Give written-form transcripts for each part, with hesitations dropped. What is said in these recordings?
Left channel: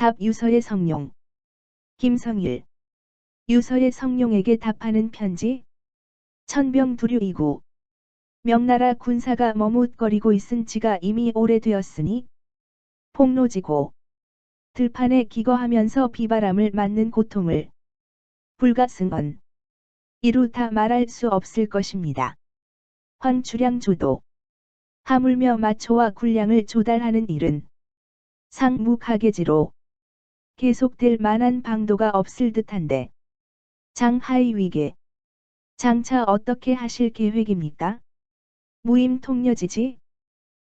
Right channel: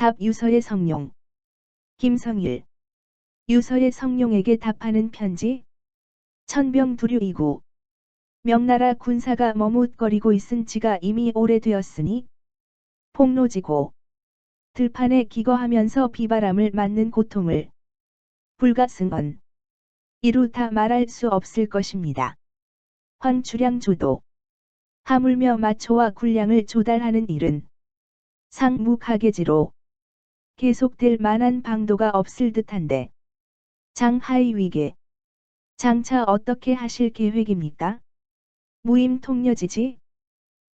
답 유서의 성룡. 김성일. 유서의 성룡에게 답하는 편지. 천병두류이고 명나라 군사가 머뭇거리고 있은 지가 이미 오래되었으니 폭로지고 들판에 기거하면서 비바람을 맞는 고통을 불가승언 이루 다 말할 수 없을 것입니다. 황추량조도 하물며 마초와 군량을 조달하는 일은 상무가계지로 계속될 만한 방도가 없을 듯한데 장하의 위계 장차 어떻게 하실 계획입니까? 무임통려지지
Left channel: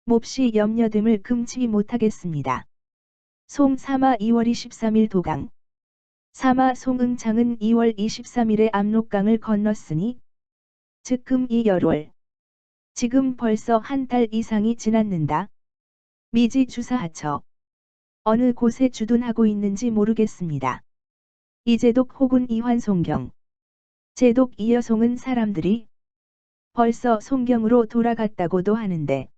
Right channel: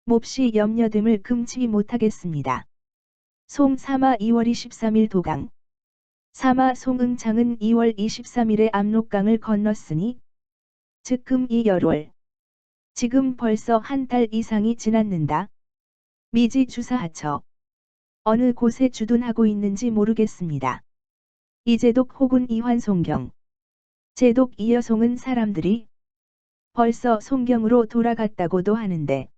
몹시 염려됨을 금치 못하겠습니다. 송사마 2월 23일 도강. 사마 송응창은 2월 23일에 압록강을 건넜으니 즉금 이 열월. 지금 벌써 한 달 이상이 지났는다. 미지 주사하처. 어느 곳에 주둔하고 있는지 모르겠습니다. 이제독 혹은 이환송경. 제독 이여송은 사람들이 벌써 송경으로 돌아갔다고도 하는데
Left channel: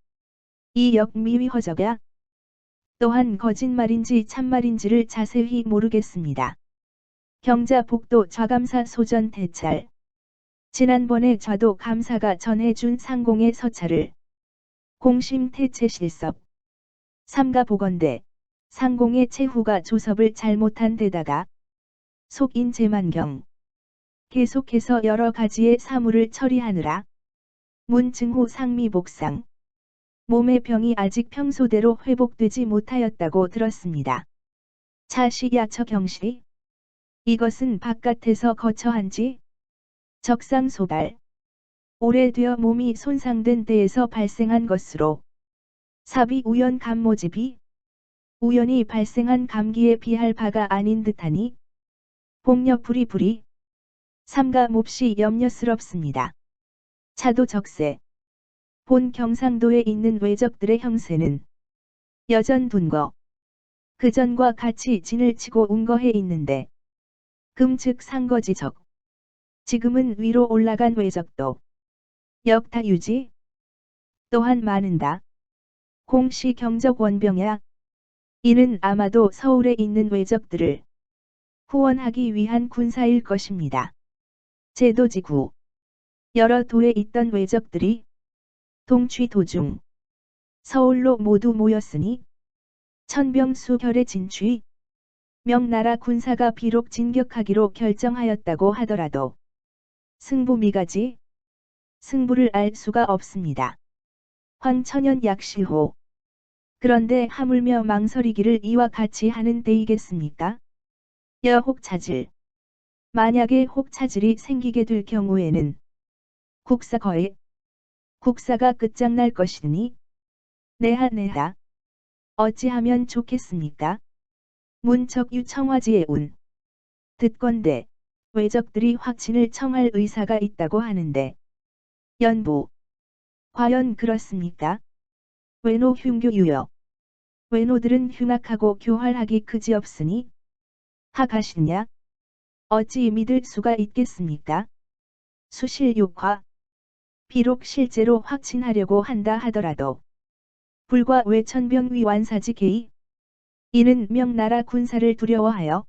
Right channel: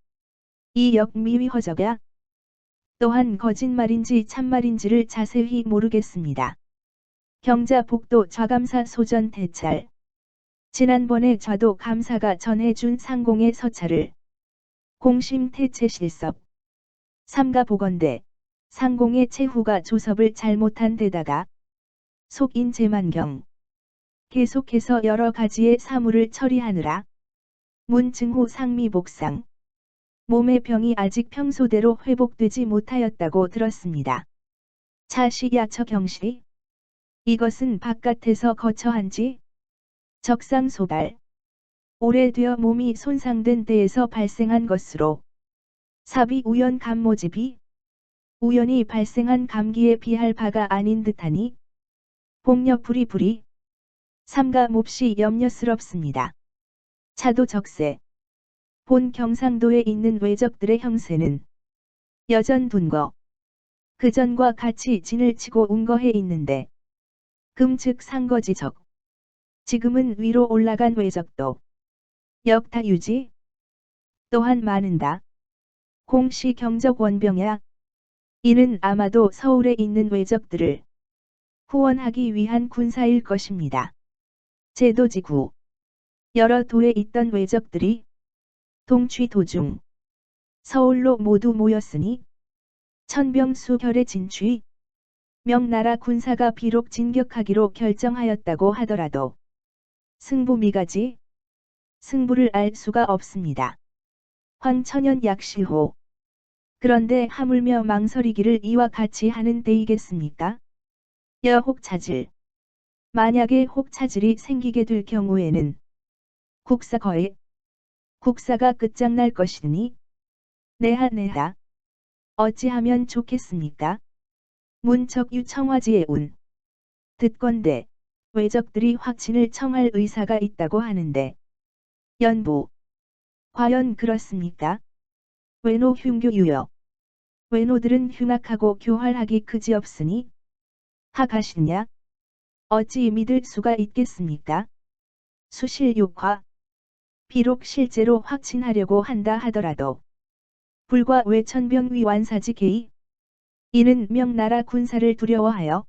이 역미위 허저가 또한 거짓말인지 참말인지를 자세히 모르겠습니다. 경자 복도 좌감사 소전 대찰. 지난번에 좌도 감사가 전해준 상공의 서찰을 공심 태체 실섭. 삼가 보건대 상공의 최후가 조섭을 잘못한 데다가 속인 제만경. 계속해서 여러 가지의 사무를 처리하느라 문증호 상미 복상. 몸의 병이 아직 평소대로 회복되지 못하였다고 들었습니다. 차시야처 경시. 이것은 바깥에서 거처한지 적상소발. 오래되어 몸이 손상된 때에서 발생한 것으로 사비 우연 감모집이 우연히 발생한 감기에 비할 바가 아닌 듯하니 복녀 부리부리. 삼가 몹시 염려스럽습니다. 차도 적세. 본 경상도에 있는 왜적들의 형세는 여전 둔거. 그전과 같이 진을 치고 운거해 있는데 금즉 상거지적. 지금은 위로 올라간 왜적도 역타 유지 또한 많은다. 공시 경적 원병야. 이는 아마도 서울에 있는 왜적들을 후원하기 위한 군사일 것입니다. 제도지구. 여러 도에 있던 왜적들이 동취 도중 서울로 모두 모였으니 천병수결의 진취. 명나라 군사가 비록 진격하기로 결정하였다고 하더라도 승부미가지 승부를 알 수가 없습니다. 황천연 약시호. 그런데 하물며 망설이기를 이와 같이 하는 때이겠습니까? 여혹차질. 만약에 혹차질이 생기게 될 경우에는 국사가 끝장날 것이니 내하 어찌하면 좋겠습니까? 문척유 청화지의 운. 듣건대 왜적들이 확친을 청할 의사가 있다고 하는데 연부. 과연 그렇습니까? 외노 흉교 유여. 외노들은 흉악하고 교활하기 그지없으니 하가시냐? 어찌 믿을 수가 있겠습니까? 수실육화. 비록 실제로 확친하려고 한다 하더라도 불과 외천병위 완사지 개의. 이는 명나라 군사를 두려워하여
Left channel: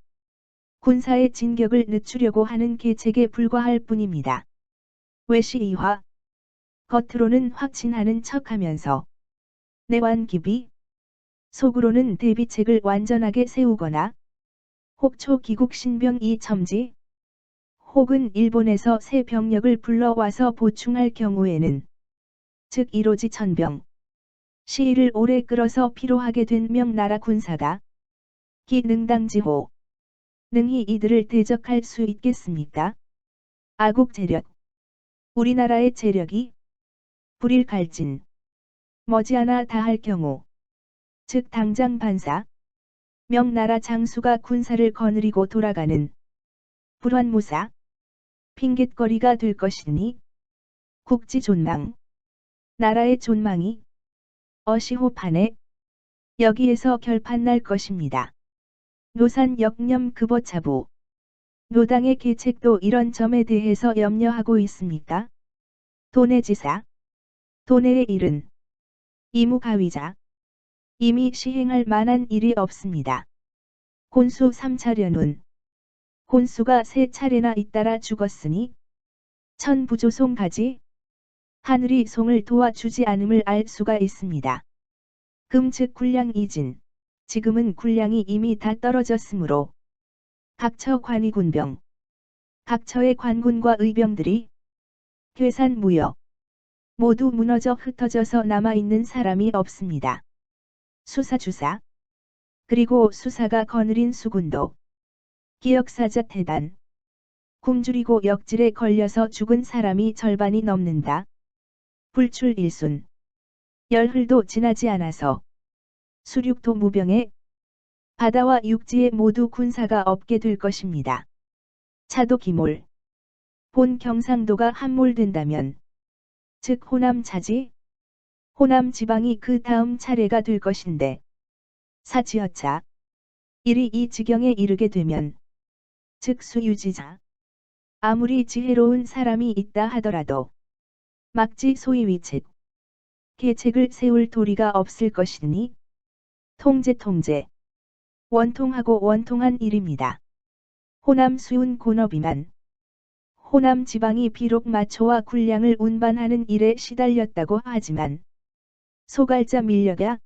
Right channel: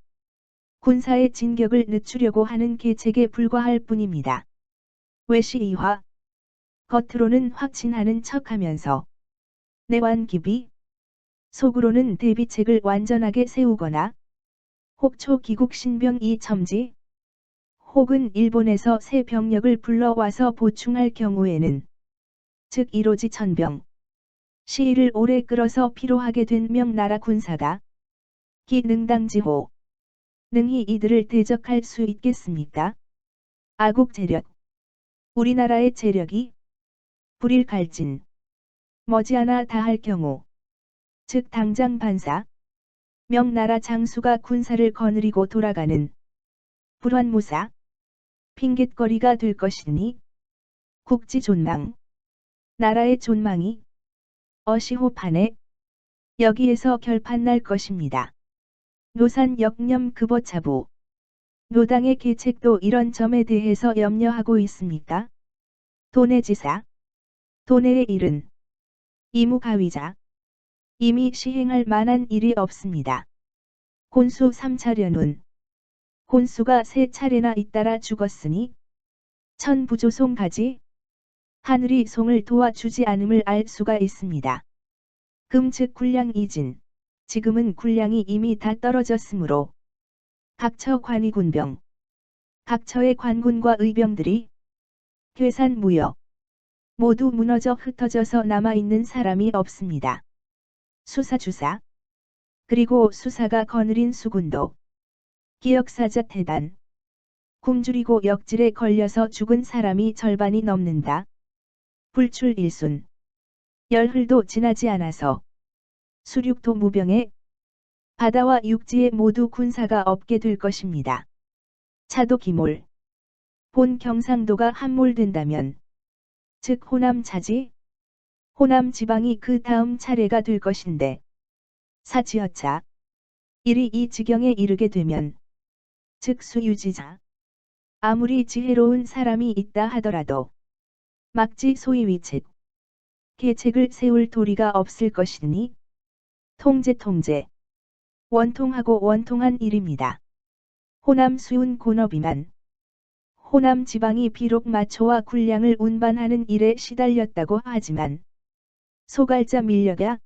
군사의 진격을 늦추려고 하는 계책에 불과할 뿐입니다. 외시이화. 겉으로는 확친하는 척하면서 내완기비. 속으로는 대비책을 완전하게 세우거나 혹초 기국 신병 이첨지 혹은 일본에서 새 병력을 불러와서 보충할 경우에는 즉 이로지 천병 시위를 오래 끌어서 피로하게 된 명나라 군사가 기능당지호 능히 이들을 대적할 수 있겠습니까? 아국 재력. 우리나라의 재력이 불일갈진 머지않아 다할 경우 즉 당장 반사 명나라 장수가 군사를 거느리고 돌아가는 불환무사 핑곗거리가 될 것이니 국지 존망 나라의 존망이 어시호판에 여기에서 결판날 것입니다. 노산 역념 급어차부. 노당의 계책도 이런 점에 대해서 염려하고 있습니까? 도내지사. 도내의 일은 이무가위자. 이미 시행할 만한 일이 없습니다. 혼수 3차례는 혼수가 3차례나 잇따라 죽었으니 천부조송가지 하늘이 송을 도와주지 않음을 알 수가 있습니다. 금 즉 군량 이진. 지금은 군량이 이미 다 떨어졌으므로 각처 관이군병, 각처의 관군과 의병들이 괴산 무역 모두 무너져 흩어져서 남아있는 사람이 없습니다. 수사주사 그리고 수사가 거느린 수군도 기역사자 태단 굶주리고 역질에 걸려서 죽은 사람이 절반이 넘는다. 불출 일순 열흘도 지나지 않아서 수륙도 무병에 바다와 육지에 모두 군사가 없게 될 것입니다. 차도 기몰 본 경상도가 함몰된다면 즉 호남 차지 호남 지방이 그 다음 차례가 될 것인데 사지어차 일이 이 지경에 이르게 되면 즉 수유지자 아무리 지혜로운 사람이 있다 하더라도 막지 소위위책 계책을 세울 도리가 없을 것이니 통제 원통하고 원통한 일입니다. 호남 수운 곤업이만 호남 지방이 비록 마초와 군량을 운반하는 일에 시달렸다고 하지만 소갈자 밀력야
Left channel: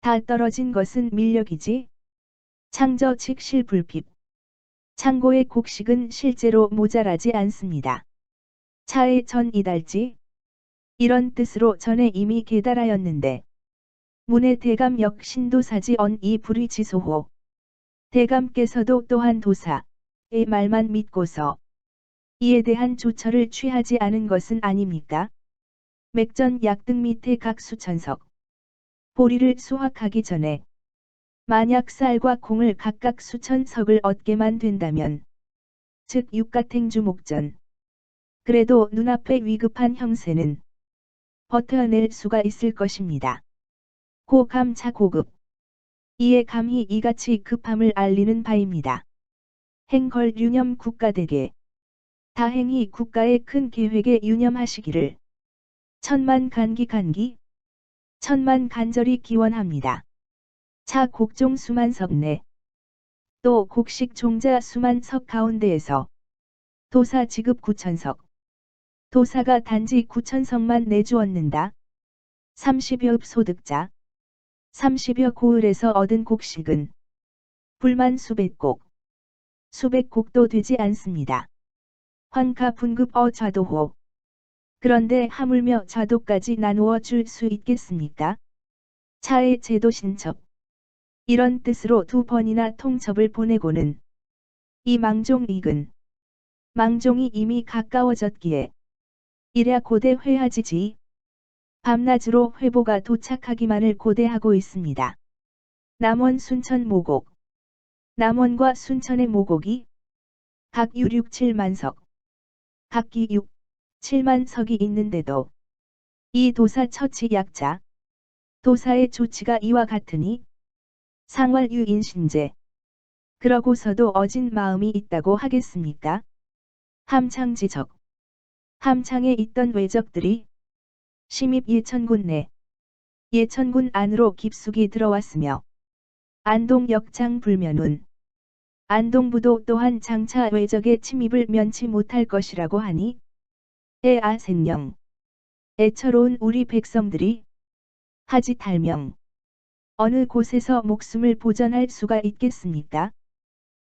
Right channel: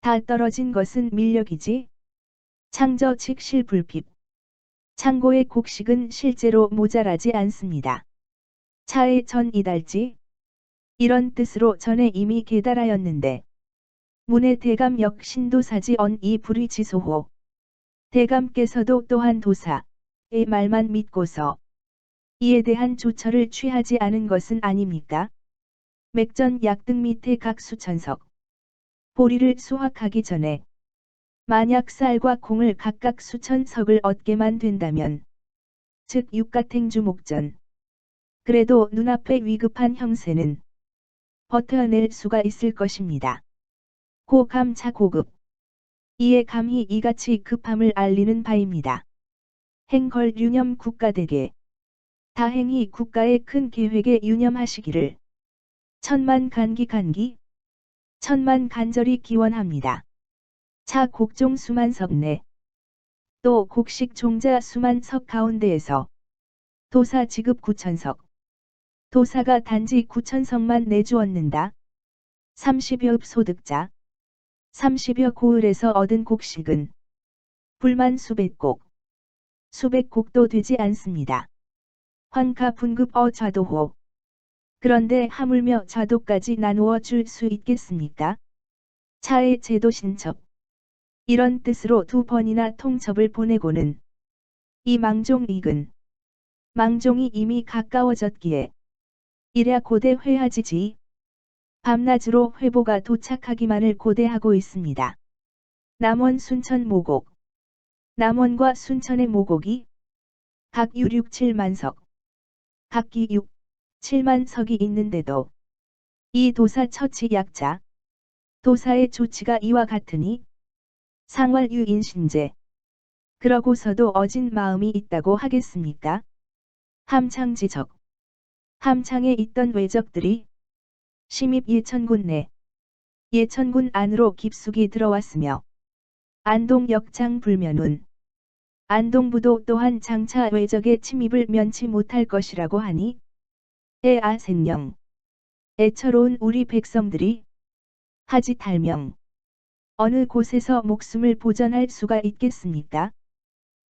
다 떨어진 것은 밀력이지 창저 즉 실불핍 창고의 곡식은 실제로 모자라지 않습니다. 차의 전 이달지 이런 뜻으로 전에 이미 계달하였는데 문의 대감 역 신도사지 언이 불의지소호 대감께서도 또한 도사의 말만 믿고서 이에 대한 조처를 취하지 않은 것은 아닙니까? 맥전 약등 밑에 각 수천석 보리를 수확하기 전에 만약 쌀과 콩을 각각 수천석을 얻게만 된다면 즉 육가탱주 목전 그래도 눈앞에 위급한 형세는 버텨낼 수가 있을 것입니다. 고감차 고급 이에 감히 이같이 급함을 알리는 바입니다. 행걸 유념 국가대계 다행히 국가의 큰 계획에 유념하시기를 천만 간기 천만 간절히 기원합니다. 차 곡종 수만석 내 또 곡식 종자 수만석 가운데에서 도사 지급 9천석 도사가 단지 9천석만 내주었는다. 30여 읍 소득자 30여 고을에서 얻은 곡식은 불만 수백 곡도 되지 않습니다. 환가 분급 좌도호 그런데 하물며 좌도까지 나누어 줄 수 있겠습니까? 차의 제도 신첩 이런 뜻으로 2번이나 통첩을 보내고는 이 망종 익은 망종이 이미 가까워졌기에 이랴 고대 회하지지 밤낮으로 회보가 도착하기만을 고대하고 있습니다. 남원 순천 모곡 남원과 순천의 모곡이 각 6, 7만석 각기 6, 7만석이 있는데도 이 도사 처치 약자 도사의 조치가 이와 같으니 상활유인신제 그러고서도 어진 마음이 있다고 하겠습니까? 함창지적 함창에 있던 왜적들이 심입 예천군 내 예천군 안으로 깊숙이 들어왔으며 안동역장 불면운 안동부도 또한 장차 왜적의 침입을 면치 못할 것이라고 하니 생령 애처로운 우리 백성들이 하지 달명 어느 곳에서 목숨을 보전할 수가 있겠습니까?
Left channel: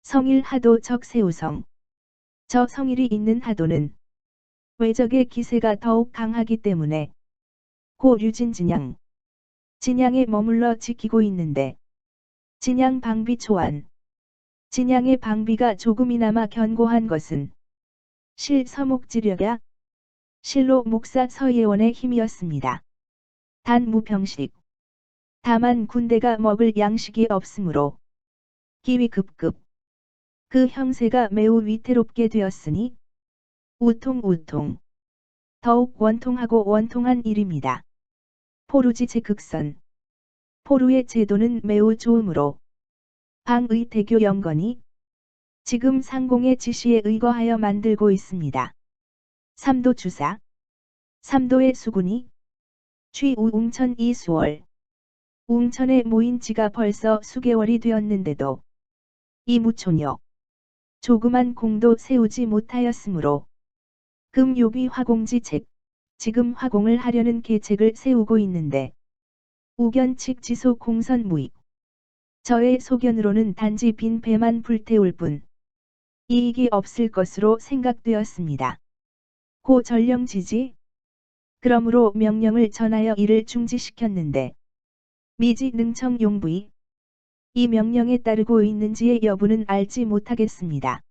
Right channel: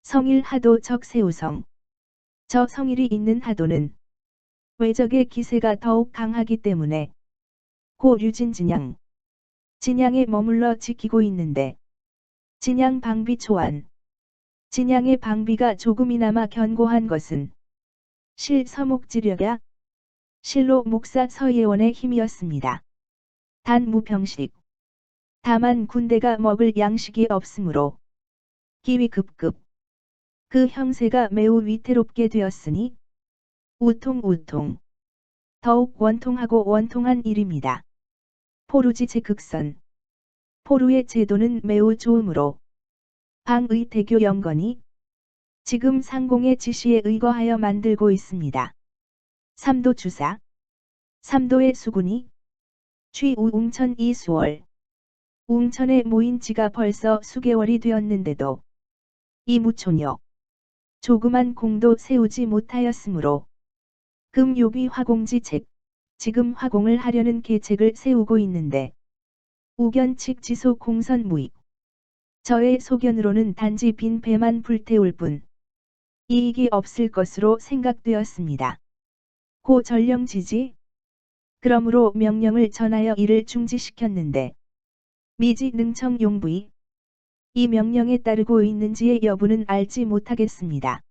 성일 하도 적세우성 저 성일이 있는 하도는 왜적의 기세가 더욱 강하기 때문에 고 류진 진양에 머물러 지키고 있는데 진양 방비 초안 진양의 방비가 조금이나마 견고한 것은 실 서목지력야 실로 목사 서예원의 힘이었습니다. 단 무병식 다만 군대가 먹을 양식이 없으므로 기위급급 그 형세가 매우 위태롭게 되었으니 우통 더욱 원통하고 원통한 일입니다. 포루지 제극선 포루의 제도는 매우 좋으므로 방의 대교 영건이 지금 상공의 지시에 의거하여 만들고 있습니다. 삼도 주사 삼도의 수군이 취우 웅천 이수월 웅천에 모인 지가 벌써 수개월이 되었는데도 이 무초녀 조그만 공도 세우지 못하였으므로 금요비 화공지책 지금 화공을 하려는 계책을 세우고 있는데 우견측 지속 공선 무익. 저의 소견으로는 단지 빈 배만 불태울 뿐 이익이 없을 것으로 생각되었습니다. 고 전령지지. 그러므로 명령을 전하여 이를 중지시켰는데 미지 능청 용부이 이 명령에 따르고 있는지의 여부는 알지 못하겠습니다.